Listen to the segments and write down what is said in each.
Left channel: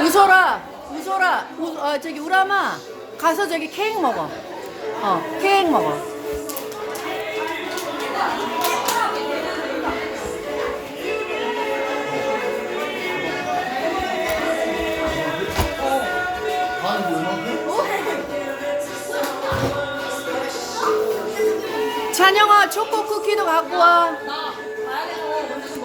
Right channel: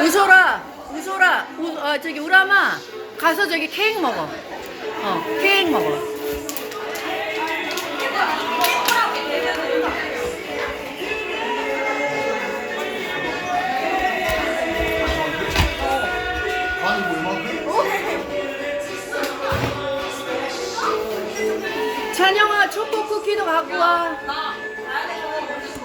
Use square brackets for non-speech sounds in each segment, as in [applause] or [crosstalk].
우소라, 우소라, 우, 어, 저기 우람아, 가서 저기 케이크 먹어. 어, 케이크 먹어. 찬영아, 초코 쿠키도 갖고 와.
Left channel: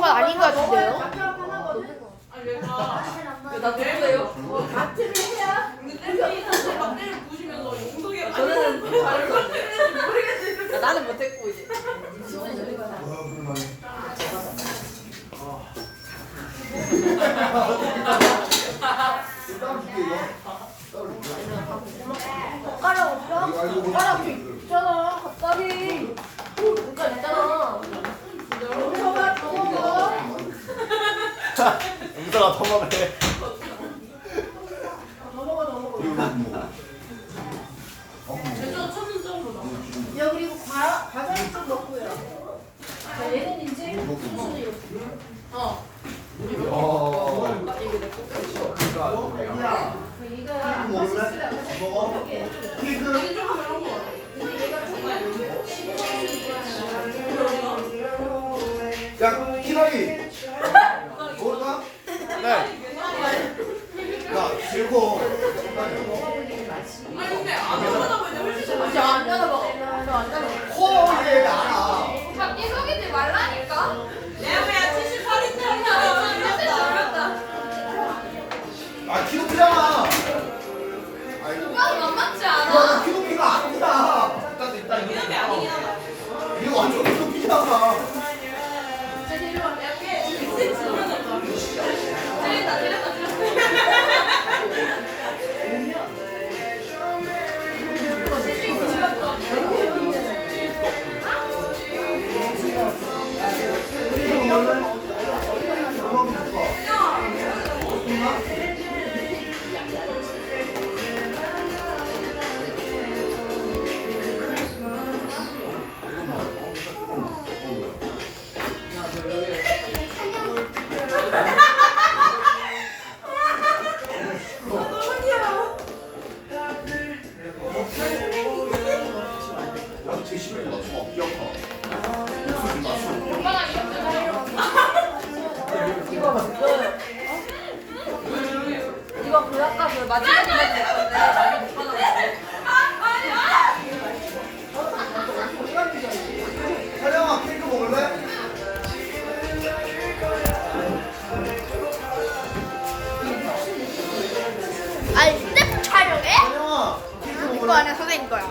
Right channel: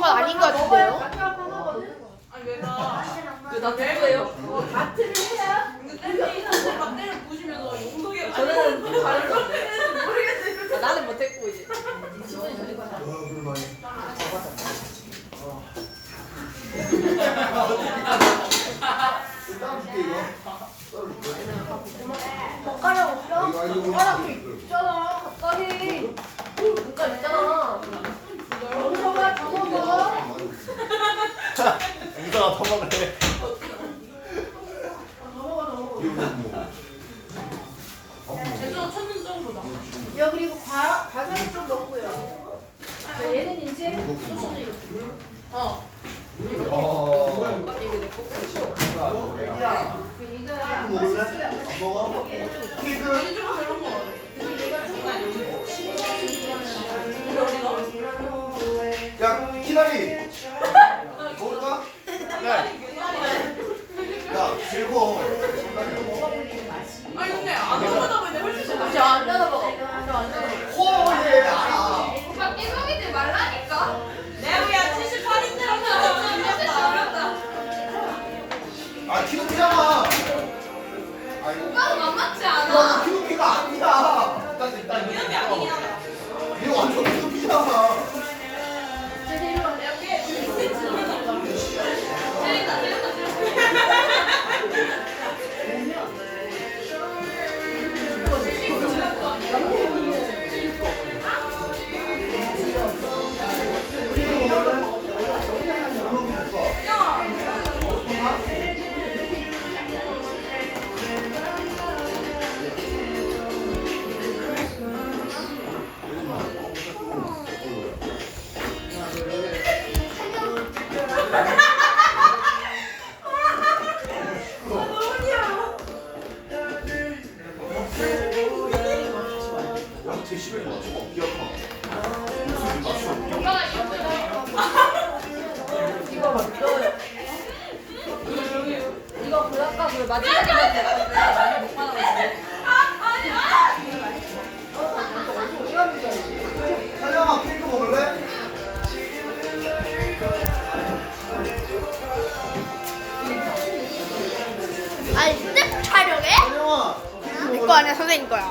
키로가 아닌 것 같은데요? 나 누구예요? 저는 잘했어. 나는 못했고 이제. 와, 그러면. 땀 줄게, 이거. 땀 줄게. 젓가락 없어? 젓가락 있잖아 갑자기 그러니까 있잖아 영서가 그거 먹어 영서가 더 먹으래. 야 그리고 과, 과자를 좀 먹고요 자 얘는 이제 어 이거 먹을래? 안 먹어? 키즈? 야, 키나리. 먹을래? 이거 안에 선생님 거야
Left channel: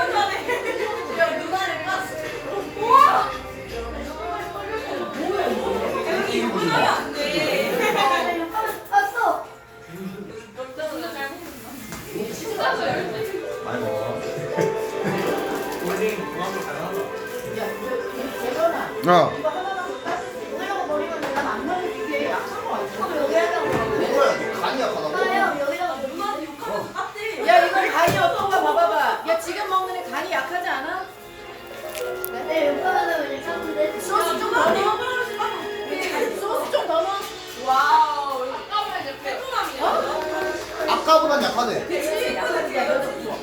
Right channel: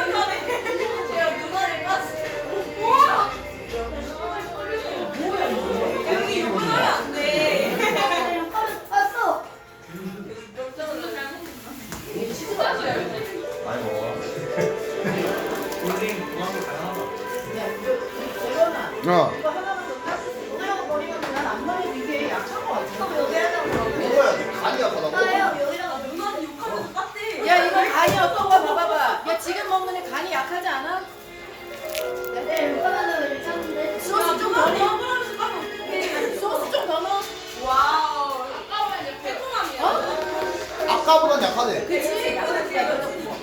어. 이거 하나만 줄까? 오늘하고 버리면 난안 먹어 이게 약한 거 같아. 먹어야 돼. 간이 약하다고. 누나한테 욕하면 땄대. 야 이거 간이 어떤 거 봐봐봐. 야 지금 먹는 애 간이 약하지 않아? 소스 좀더 넣어. 소스 좀 더 넣어. 와우. 아까 보면 이제 베트남이야. 아까보단 약하네. 그렇지. 약하지.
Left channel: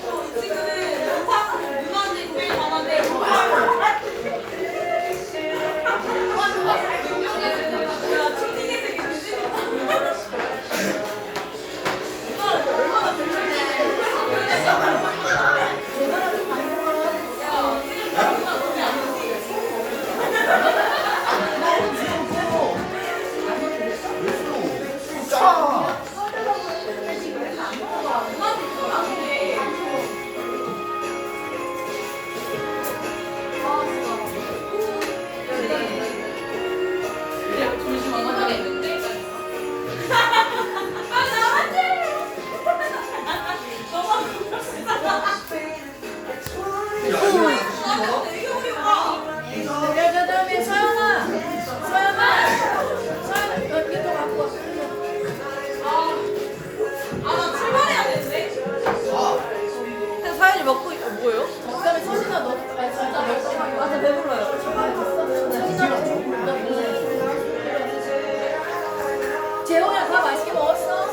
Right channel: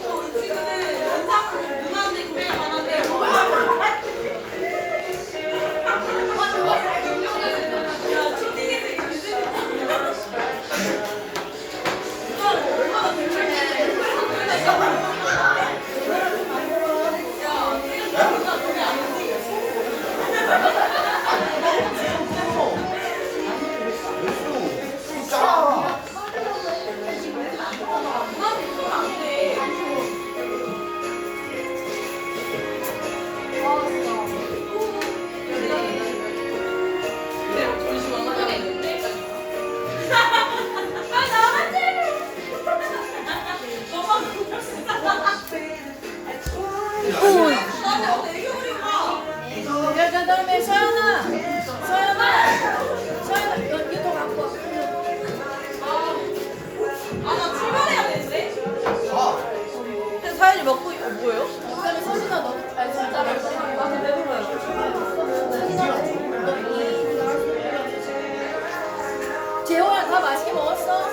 재호야 다 맛있게 먹었어?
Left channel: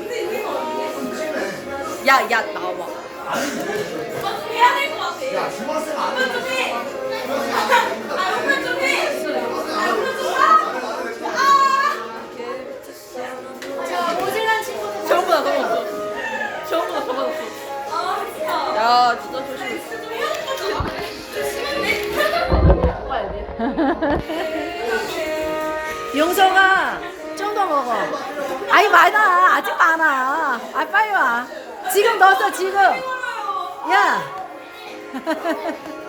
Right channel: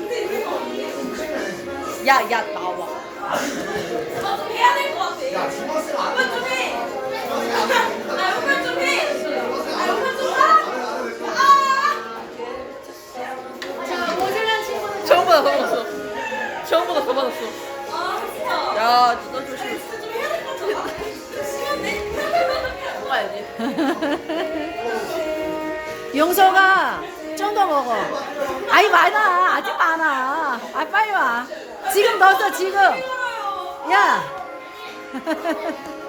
이게 야야 나와. 좀 해야 될 것 같아. 야, 중학생 안 돼. [laughs] 용서가 좀 더 먹어. 아니 많아 아직 많아. 아 빨리 와. 지금 넣었어 지금. 야. [laughs]